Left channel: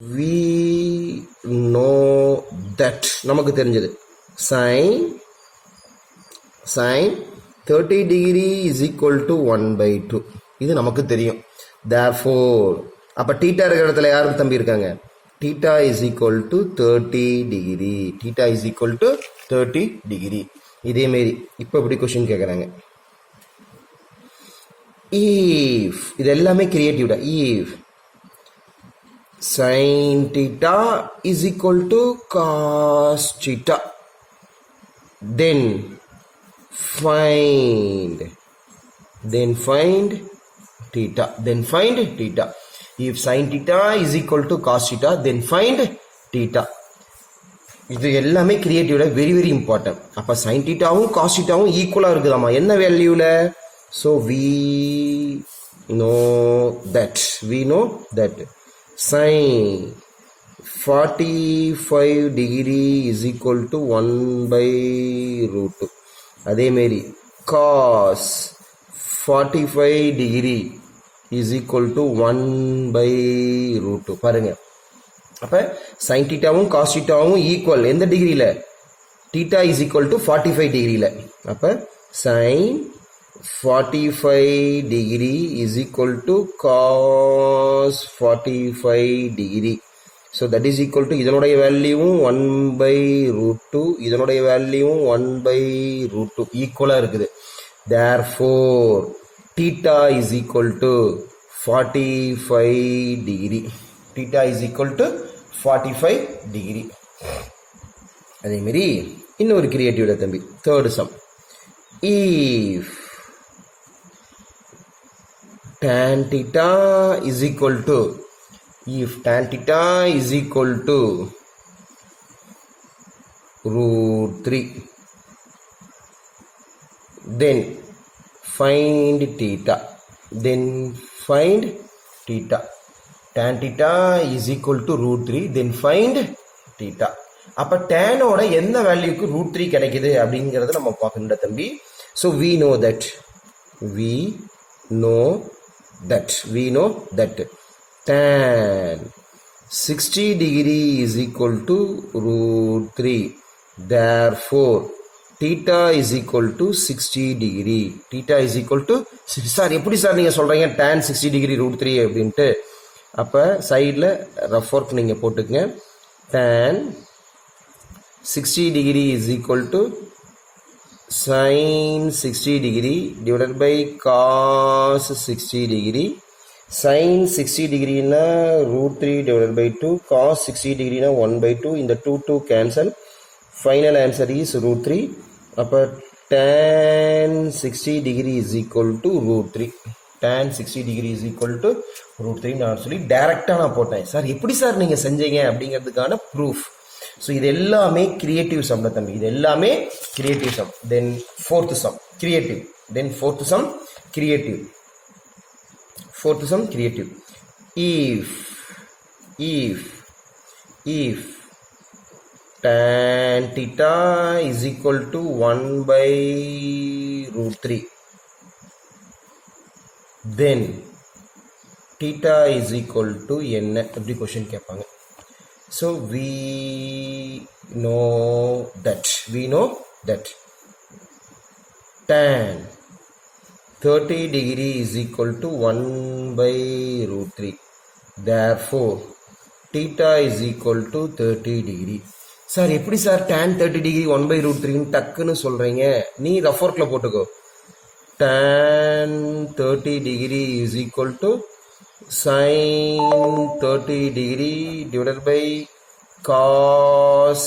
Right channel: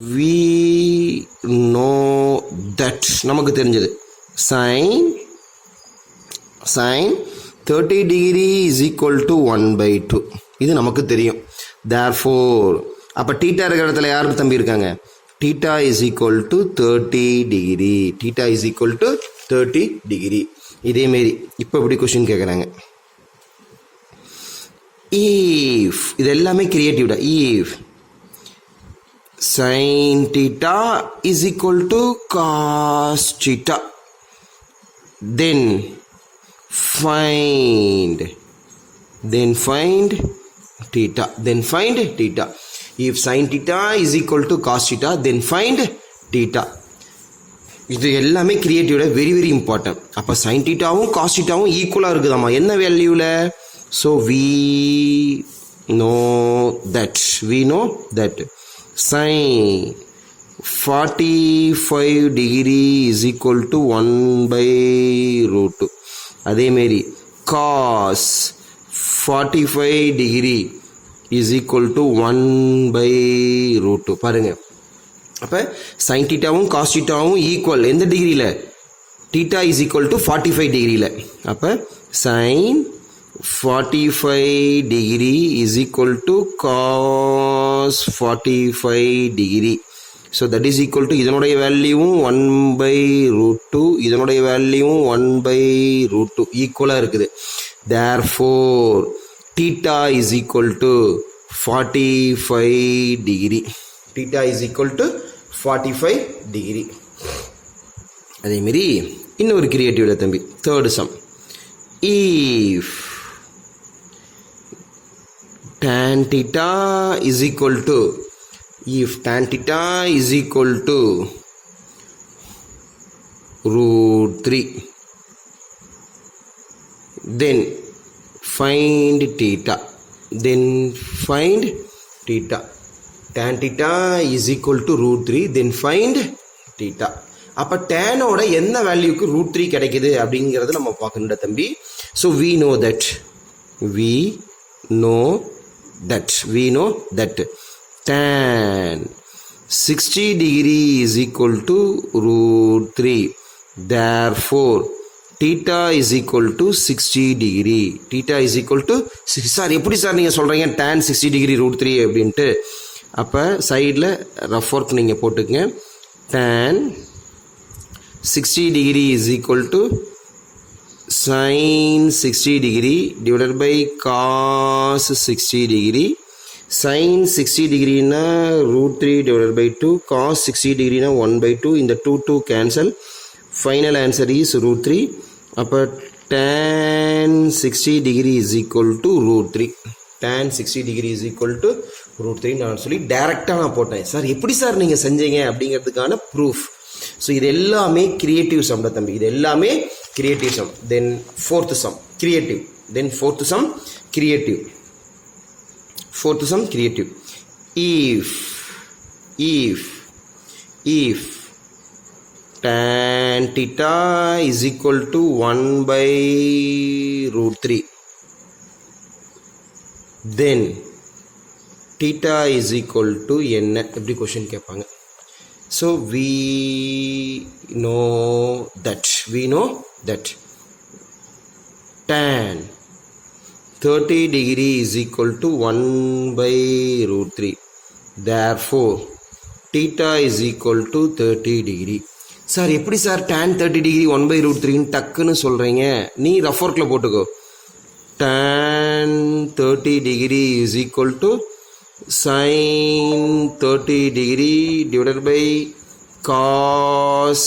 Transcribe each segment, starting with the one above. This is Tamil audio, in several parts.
we know that நமக்கு தெரிஞ்சது sin 30 degree is equal to 1/2 இது நமக்கு தெரியும். therefore அப்போ டீட்டா இருக்கிற இடத்துல யாருக்கு தம்பி இருக்காங்க? theta is equal to 30 degree. theta is equal to 30 degree. இதே மாரி இப்போ எப்படி கொஸ்டின் கேட்குறாங்க, if இது எல்லாமே கிரியேட்டிவ்டா, if sin theta is equal to cos theta, then find theta. If sin theta is equal to cos theta, then find theta. இது எல்லாமே கிரியேட்டிவ்ல வெரி வெரி இம்பார்ட்டன்ட். அப்போ sin thetaவும் cos thetaவும் ஈக்குவலாக இருக்குதாம்மா என்ன வேல்யூவில்? So we know that sin 45 degree is equal to 1/√2. அதேமாரி cos 45 degree is equal to 1/√2. பாருங்க, அப்போ sin thetaவும் cos thetaவும் ஈக்குவல் எந்த டிகிரியில்? theta is equal to 45 டிகிரியில். அப்போ sin 45 degree is equal to cos 45 degree. So that is equal to இதனுடைய வேல்யூவும் 1/√2, இதனுடைய வேல்யூவும் 1/√2 ஈக்குவலாக இருக்குது. therefore theta is equal to 45 degree. theta is equal to 45 degree. அதேமாரி இன்னொரு கிரியேட்டிவ்ல தம்பி third some, if tan theta is equal to √3, then find theta. tan theta is equal to √3, then find theta. அப்போ டேனோட என்ன வேல்யூக்கு √3 கிடைக்குது அப்படிங்கிறத நம்ம பார்க்கணும்டா தம்பி. So we know that tan 60 degree is equal to √3. therefore theta is equal to 60 degree. theta is equal to sir எப்படி சார் நீங்கள் சொல்கிறீங்க tan 60 degree √3 அப்படின்ட்டு? அப்போ சைடில் ரஃப் ஒர்க் நீங்கள் போட்டுக்கங்க. tan 60 degree is equal to sin 60 degree divided by cos 60 degree. sin 60 degree na √3 divided by 2, cos 60 degree na 1/2. இந்த 2 cancel. final answer is √3. அப்போ tan 60 degree is equal to √3. tan 60 degree is equal to √3 நான் சொல்லி டைரக்டாக நான் போட்டேன். சார் எப்படி சார் நீங்கள் செஞ்சீங்க அப்படிங்கிறதுக்கான ப்ரூஃப். ஸோ இது எல்லாமே கிரியேட்டிவ் சம்ல தம்பி, இது எல்லாமே creative sum. Then fourth sum creative. if tan theta is equal to 1/√3, then theta is equal to என்ன எப்படி கொஸ்டின் கேட்பாங்க. So we know that tan 30 degree is equal to 1/√3. therefore theta is equal to 30 degree. Sir எப்படி சார் tan 30 degree 1/√3 டக்குன்னு சொல்கிறீங்க? நீ ரஃப் ஒர்க்கில் போட்டுக்கோ. tan 30 degree is equal to sin 30 degree divided by cos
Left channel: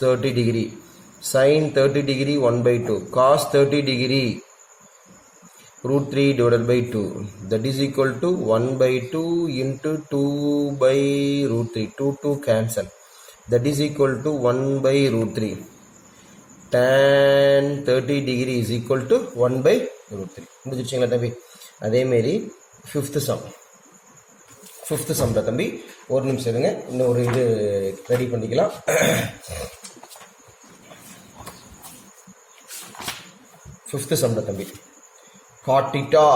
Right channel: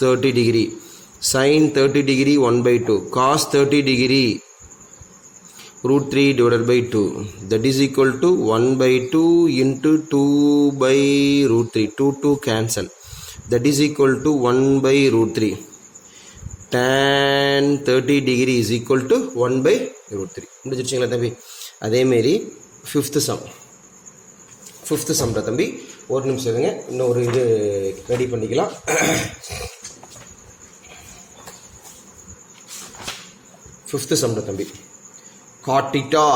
30 degree. sin 30 degree 1/2, cos 30 degree √3 divided by 2, that is equal to 1/2 into 2/√3. 2 cancel, that is equal to 1/√3. tan 30 degree is equal to 1/√3. முடிச்சிருச்சிங்களா தம்பி? அதேமாரி ஃபிஃப்த்து சம்ல தம்பி ஒரு நிமிஷம் இருங்க, இன்னொரு இது ரெடி பண்ணிக்கலாம். ஃபிஃப்த்து சம்ல தம்பி cot theta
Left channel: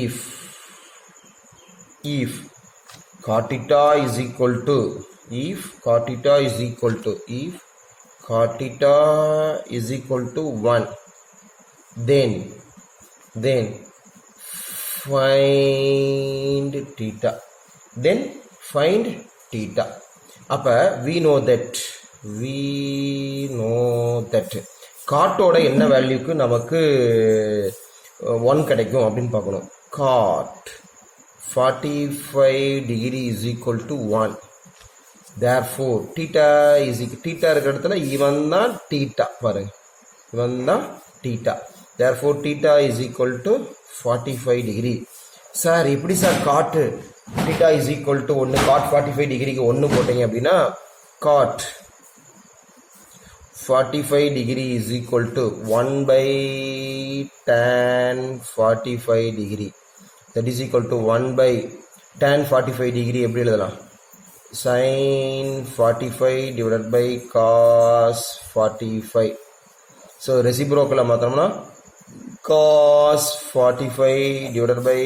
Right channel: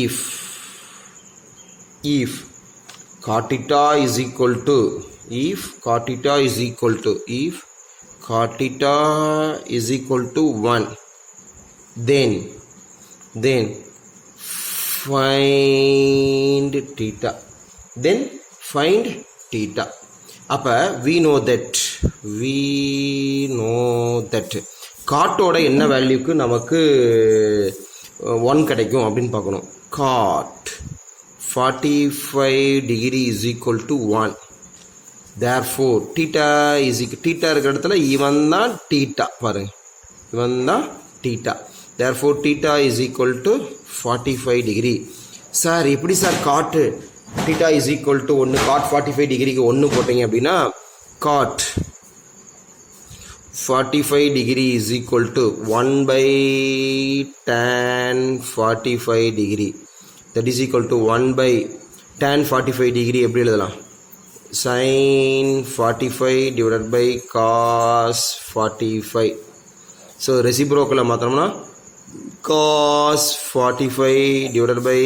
if cot theta is equal to, if cot theta is equal to, if cot theta is equal to 1, then find theta, then find theta. அப்போ we know that காட்டோட என்ன வேல்யூக்கு நமக்கு 1 கிடைக்கும் அப்படின்னு பார்க்கணும். cot 45 degree is equal to 1. therefore theta is equal, theta இருக்கிற இடத்துல இவன் தான் theta பாருங்க, இவன் தான் theta. therefore theta is equal to 45 degree. Sir எப்படி sir cot theta is equal to 1, cot 45 டிகிரிக்கு 1 போட்டீங்க அப்படின்னா cot 45 degree is equal to 1 by tan 45 degree, that is equal to 1 by tan 45 degree எப்படி எழுதலாம், sin 45 divided by cos 45. So ரெசிப்ரோக்கில் மாற்றோம்னா cos 45 divided by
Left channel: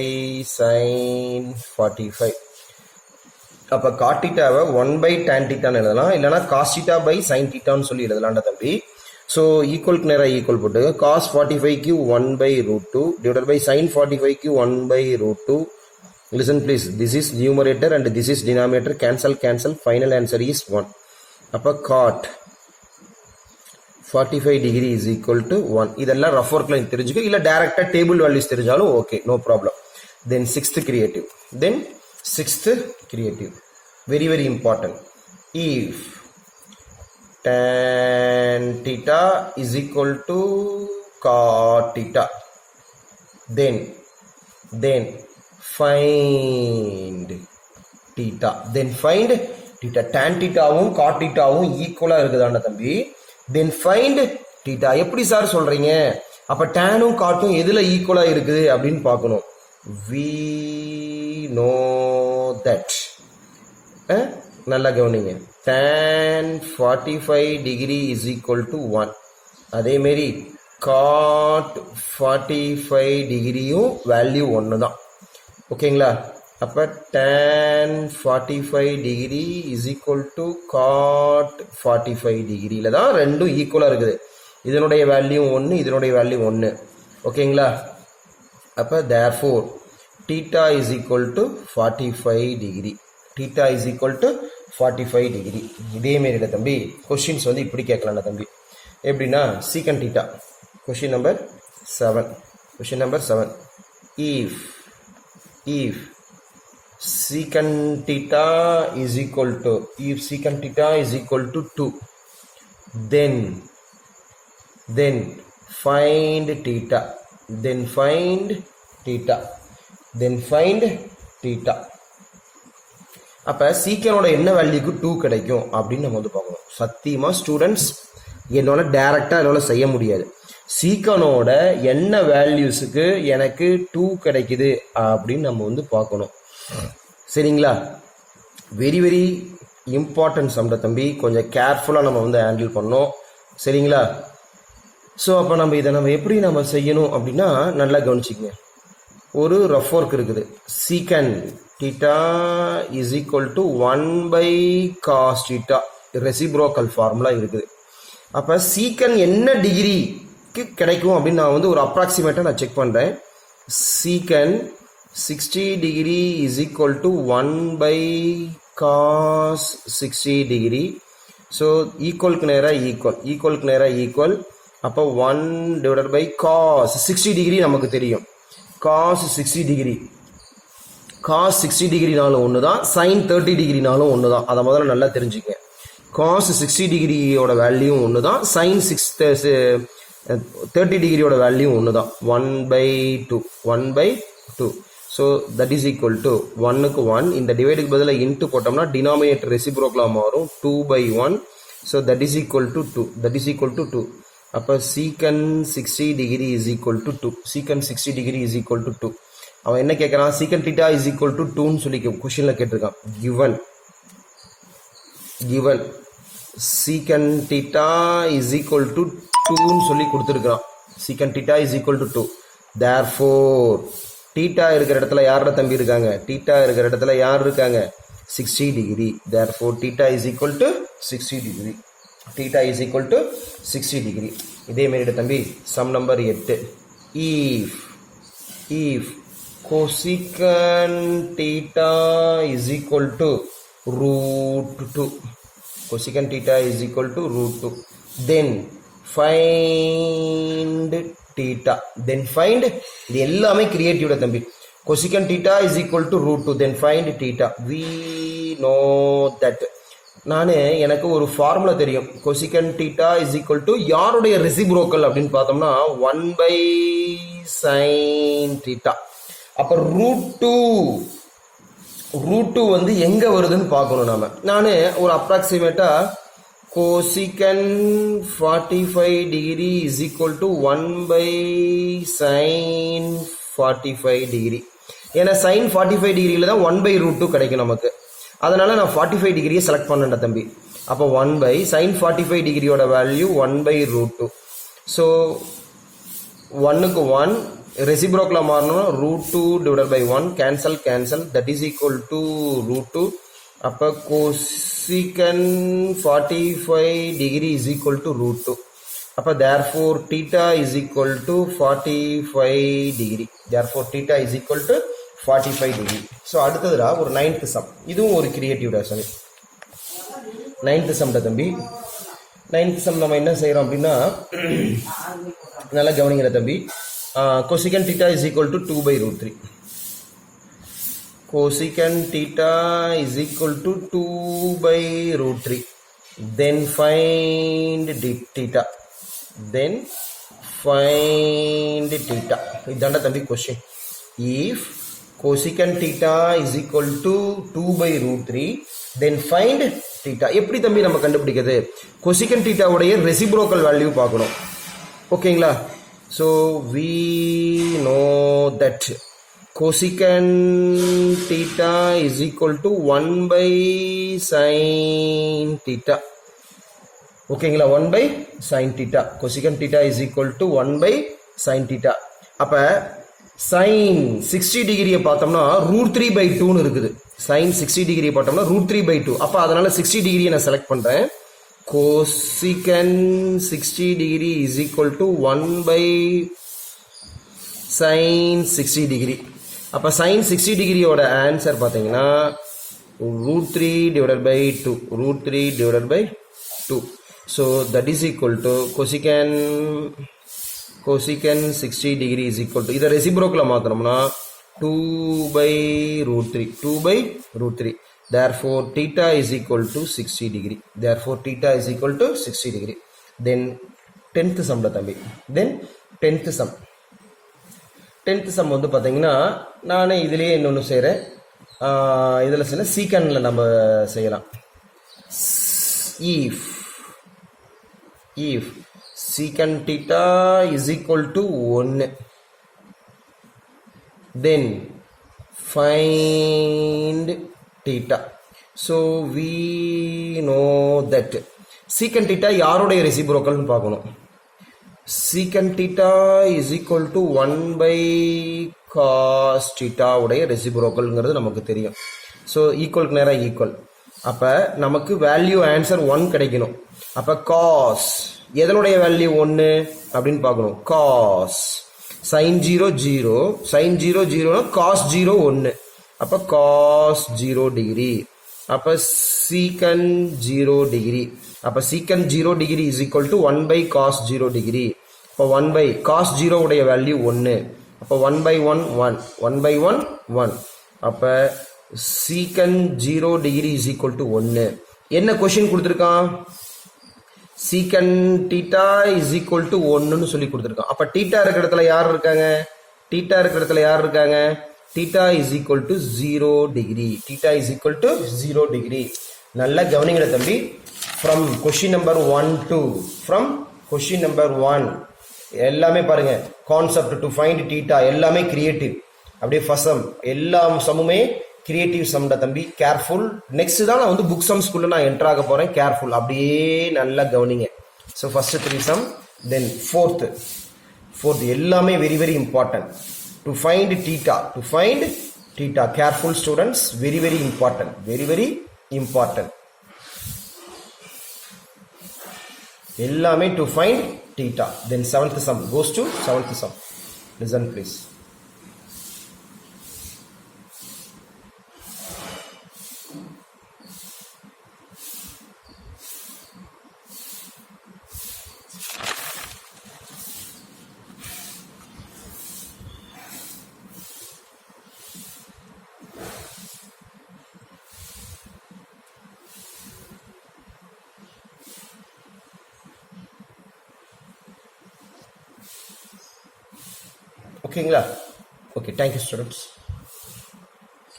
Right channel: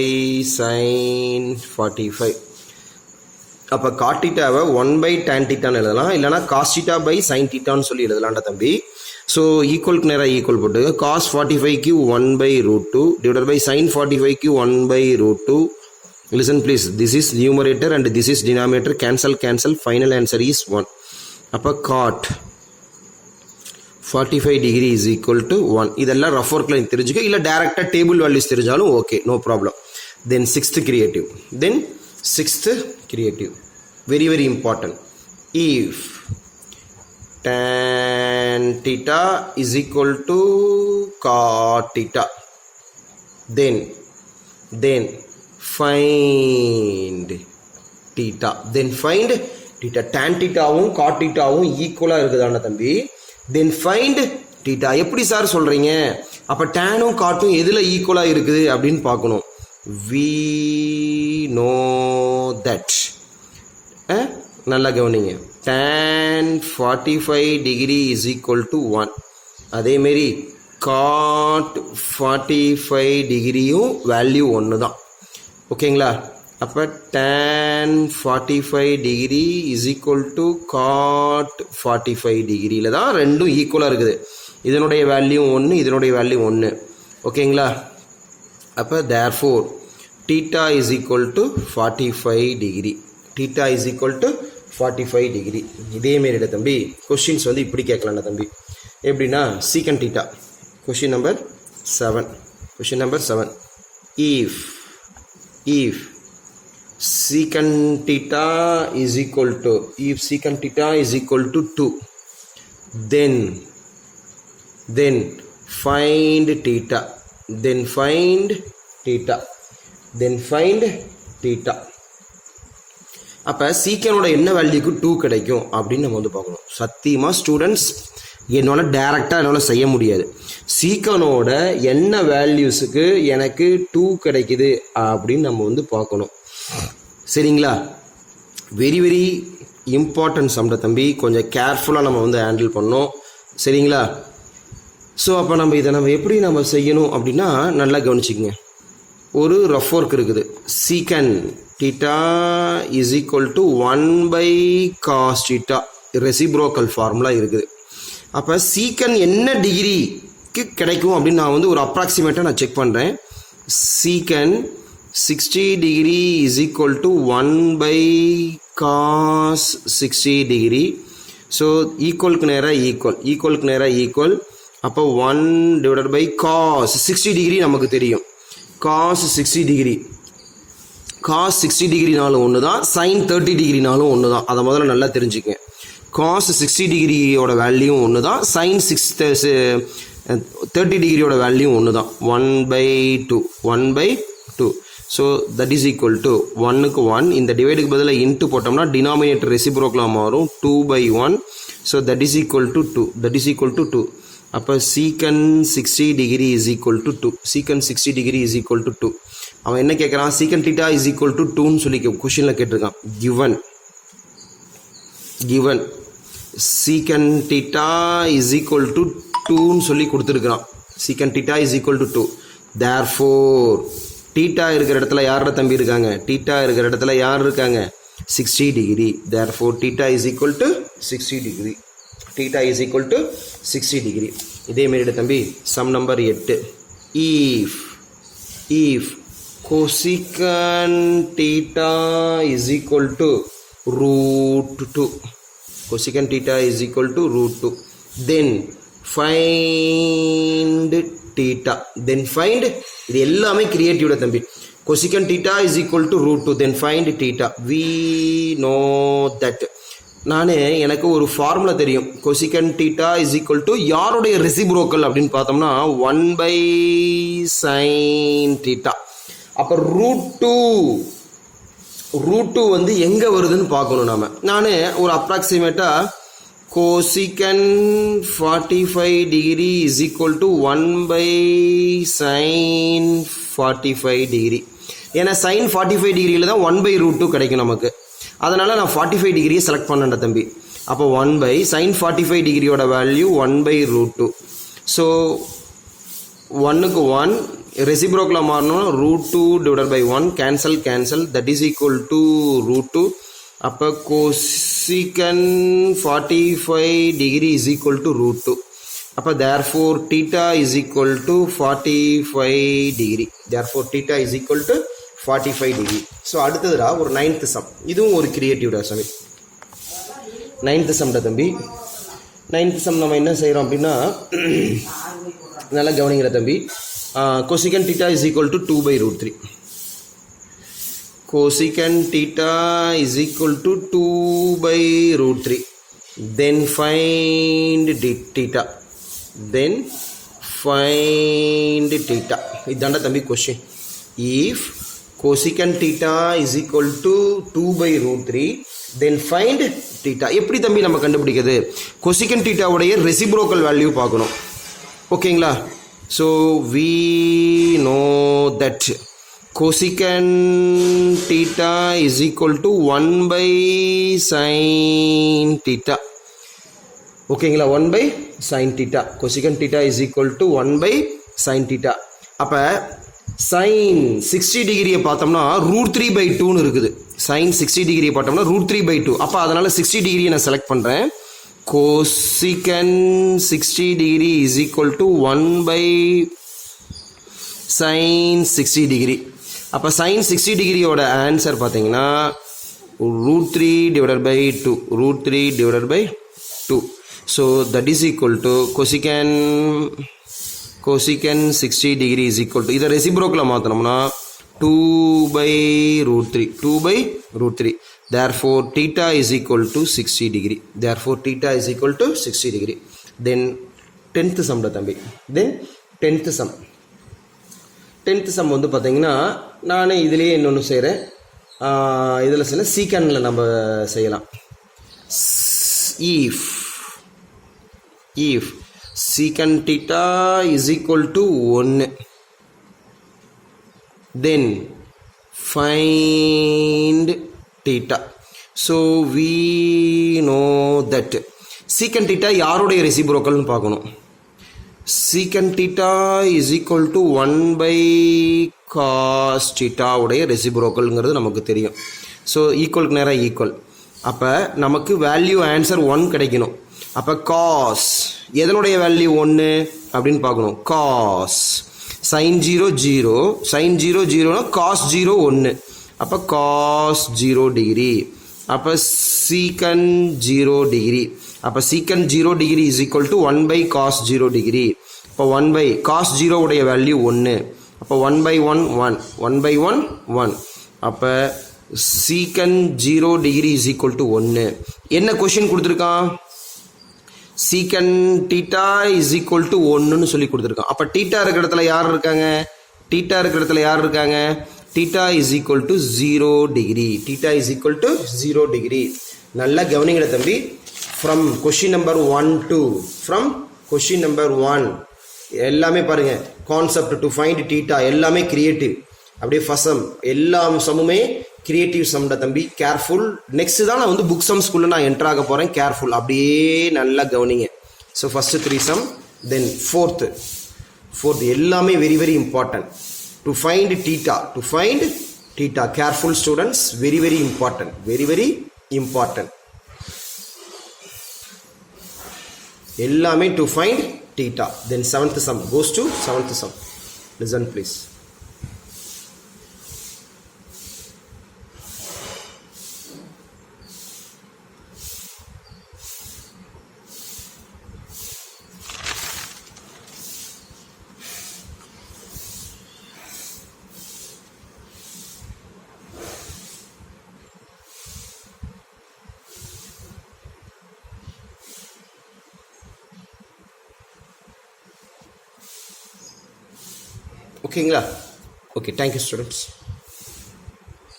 sin 45. அப்போ cot thetaவை 1 by tan thetaன்னு எழுதலாம், இல்லைனா cos theta by sin thetaன்னு சொல்லி எழுதலாம்டா தம்பி. ஸோ ஈக்குவலுக்கு நேராக ஈக்குவல் போட்டு cos 45க்கு 1 by root 2 divided by sin 45க்கு 1 by root 2. Listen please, this is numerator and this is denominator, cancel, final answer is 1. அப்போ cot 45 degree is equal to 1. இதெல்லாம் ரஃப் ஒர்க்கில் தெரிஞ்சுக்க, இல்லை டேரெக்டாக டேபிள் வேல்யூஸ் தெரிஞ்சாலும் okay, no problem. Then sixth creative very very important. if tan theta is equal to cot theta, then find theta. tan thetaவும் cot thetaவும் ஈக்குவலாக இருக்குதாண்ட தம்பி. then find theta. எப்படி சார் சொல்கிறீங்க? அப்போ டேனும் காட்டும் எதில் ஈக்குவலாக இருக்குது அப்படின்னு பார்க்கணும். we know that. நல்லா கவனிங்க, tan 45 degree is equal to 1. அதேமாரி cot 45 டிகிரியும் வேல்யூ 1 தான். ஓகேங்களா? அப்போ tan 45 degree is equal to cot 45 டிகிரியில் தான் ரெண்டும் ஈக்குவலாக இருக்குது. இதனுடைய வேல்யூ 1, இதனுடைய வேல்யூ 1. ஓகேங்களா? அப்போ therefore theta is equal to 45 degree. theta is equal to 45 degree. இதேமாரில தம்பி கொஸ்டின்ஸ் வந்து இப்படி கேட்கலாம்ல தம்பி. எப்படின்னா secant theta. Question number 7. if secant theta is equal to 2, then find theta. அப்போ சீக்கனோட என்ன வேல்யூக்கு 2 கிடைக்கும் அப்படின்னு நம்ம வந்து பார்க்கணும். சத்தியமாக ஸ்டூடெண்ட்ஸ் என்னால் டேரெக்டாக என்னால் செய்ய முடியாது. சீக்கனோட என்ன வேல்யூஸுக்கு எனக்கு 2 கிடைக்குது அப்படின்னு நம்ம வந்து பார்க்கணும். சரிங்களா? வெரி வெரி இம்பார்ட்டன்ட் சம்ட தம்பி, கொஞ்சம் கேர்ஃபுல்லாக நம்ம வந்து ஹேண்டில் பண்ணோம். சரிங்களா? ஸோ அப்போ நம்ம எப்படி நம்ம செய்யணும் அப்படின்னா நல்லா கவனிச்சிக்கங்க. ஒரு ரஃப் ஒர்க் இருக்குது. secant theta is equal to 1 by cos theta, reciprocal formula இருக்குது. அப்போ secant என்ன டிகிரிக்கு கிடைக்கும் அப்படின்னு நான் வந்து ஒரு அப்ராக்சிமேட்டாக நான் செக் பண்ணுறேன். secant 60 degree is equal to 1 by cos 60 degree. So ஈக்குவலுக்கு நேராக ஈக்குவல். அப்போ 1 divided by cos 60 degree நமக்கு தெரியும். cos 60 டிகிரினாலும் ஒன்று தான், sin 30 டிகிரினாலும் ஒன்று தான். அதை முதல்ல நல்லா தெரிஞ்சுக்கங்க. cos 60 டிகிரியோட வேல்யூ ஒன்று தான், sin 30 டிகிரியோட வேல்யூ ஒன்று தான். 1/2. So that is equal to 1க்கு 1. இந்த டிவைடுக்கு பதிலாக இன்ட்டு போட்டோம்னா டினாமினேட்டர் ரெசிப்ரோக்கலாக மாறும் 2/1. So that is equal to 2. அப்போ secant 60 degree is equal to 2. secant 60 degree is equal to 2. அவன் என்ன கேட்குறான்? secant theta is equal to 2ன்னு சொல்லி கொஷினில் கேட்டிருக்கான். given secant theta is equal to 2ன்னு சொல்லி கொடுத்துருக்குறான். secant theta is equal to 2. therefore theta இருக்கிற இடத்துல யாரோட தம்பி இருக்காங்க? theta இருக்கிற இடத்துல யார் இருக்காங்க? 60 degree. Therefore theta is equal to 60 degree. Theta is equal to 60 degree. இதே மாதிரி தம்பி sum number 8. If cosecant theta is equal to root 2, cosecant theta is equal to root 2, then find theta. Then find, இது எல்லாமே கிரியேட்டிவ் தம்பி. cosecant theta is equal to root 2, then find theta. We know that. நானே எனக்கு ஒரு ஃபார்முலா தெரியும். cosecant theta is equal to யாருடைய ரெசிப்ரோக்கல் அப்படின்னு பார்த்தோம்னா 1 by sin theta. அப்போ ரூட் டூ வந்து எங்கே வருதுன்னு பார்க்கணும். நான் ஒரு அப்ராக்சிமேட்டாக cosecant 45 degree is equal to 1 by sin 45 degree. ஏன்னா sin 45 டிகிரியில் தான் 1 by root 2 கிடைக்கும் நமக்கு. அதனால் நான் 45 டிகிரியை செலக்ட் பண்ணேன் தம்பி. அப்போ 1 by sin 45 டிகிரியோட வேல்யூ 1 by root 2. ஸோ 1க்கு 1 ரெசிப்ரோக்கில் மாறணும். root 2 divided by 1 cancel that is equal to root 2. அப்போ cosecant 45 degree is equal to root 2. அப்போ therefore theta is equal to 45 degree. Therefore theta is equal to 45 degree. So அடுத்ததுடா ஒரு 9th சம். இதுவும் ஒரு கிரியேட்டிவ்டா சாமி. 9th சம்டா தம்பி. 9th சம் நம்ம என்ன செய்கிறோம் அப்படின்னா நல்லா கவனிக்கிற தம்பி. cosecant theta is equal to 2 by root 3. cosecant theta is equal to 2 by root 3. Then find theta. Then find theta. இதாண்டா தம்பி question. If cosecant theta is equal to 2 by root 3, then find theta. எப்படி தம்பி நம்ம கண்டுபிடிக்கிறது? cosecant theta உடைய ரெசிப்ரோக்கல் வேல்யூ பார்க்கணும். ஓகேங்களா? So we know that cosecant theta is equal to 1 by sin theta. ஓகேங்களா? 1 by sin theta. cosecant theta is equal to 1 by sin theta. அப்போ sin 60 டிகிரியை பார்த்தோம்னா root 3 by 2ன்னு இருக்குது. sin 60 டிகிரியை பார்த்தோம்னா root 3 by 2. அப்போ அதனால் 60 டிகிரியை நான் செலக்ட் பண்ணுறேன். cosecant 60 degree is equal to 1 by sin 60 degree. அப்போ sin 60 டிகிரியோட ஆன்சர் பார்த்தீங்கன்னா root 3 divided by 2. root 3 divided by 2. So that is equal to cosecant 60 degree is equal to, இதை ரெசிப்ரோக்கில் மாற்றணும்னா 2 by root 3. 2 by root 3. Therefore theta is equal to 60 degree. Therefore theta is equal to 60 degree. Then 10th sum தம்பி. Then 10th sum. 10th sum வந்து பார்த்தீங்கன்னா நானே இதிலேயே இன்னொன்று செய்கிறேன். இதில் சில சீக்கண்டில் நம்ம செய்யலாம். if secant theta is equal to 1, then find theta. So we know that secant theta யாருடைய ரெசிப்ரோக்கல்னு பார்க்கணும். secant theta is equal to 1 by cos theta உடைய ரெசிப்ரோக்கல்ங்கிறது நமக்கு தெரியும். ஸோ ஈக்குவலுக்கு நேராக ஈக்குவல். அப்போ நமக்கு வேல்யூ ஆன்சர் 1 கிடைக்கணும். அப்போ காஸ் எதனுடைய வேல்யூ 1 அப்படின்னு பார்க்கணும். Cos sin 0 0, sin 0 0 cos 0 1. அப்போ காஸ் 0 டிகிரி. அப்போ secant 0 டிகிரி. அப்போ secant 0 degree is equal to 1 by cos 0 degree. இப்போ 1 பை காஸ் 0 உடைய வேல்யூ 1. அப்போ 1 by 1 1, 1 by 1 1. அப்போ secant 0 degree is equal to 1. என்ன கொஸ்டின் கொடுத்துருக்கான்? secant theta is equal to 1ன்னு சொல்லி கொடுத்துருக்கான். அப்போ theta இருக்கிற இடத்துல யார் இருக்காங்க? theta இருக்கிற இடத்துல யார் இருக்காங்க? theta is equal to 0 degree. theta is equal to 0 degree. நல்லா கவனிங்கடா தம்பி. from question number 1 to from question number 1 எல்லாமே பாருங்க. கான்செப்ட் டு ஃபைண்ட் theta எல்லாமே கிரியேட்டிவ். அப்படியே ஃபர்ஸ்ட் சம் எல்லா சம்முமே கிரியேட்டிவ் சம்டா தம்பி. கேர்ஃபுல். நெக்ஸ்ட் தான் நான் வந்து புக் சம் ஸ்கூல்ல நான் என்டர் ஆக போறேன். கேர்ஃபுல். அப்படியே நல்லா கவனிங்க. So first 3 sum, then fourth எல்லாமே very very important. To find theta theta. Careful students, very very important, very very important. எல்லாமே to find theta. Then seventh sum goes to seventh sum. Listen please. ஓகேங்களா? Okay, thank you students.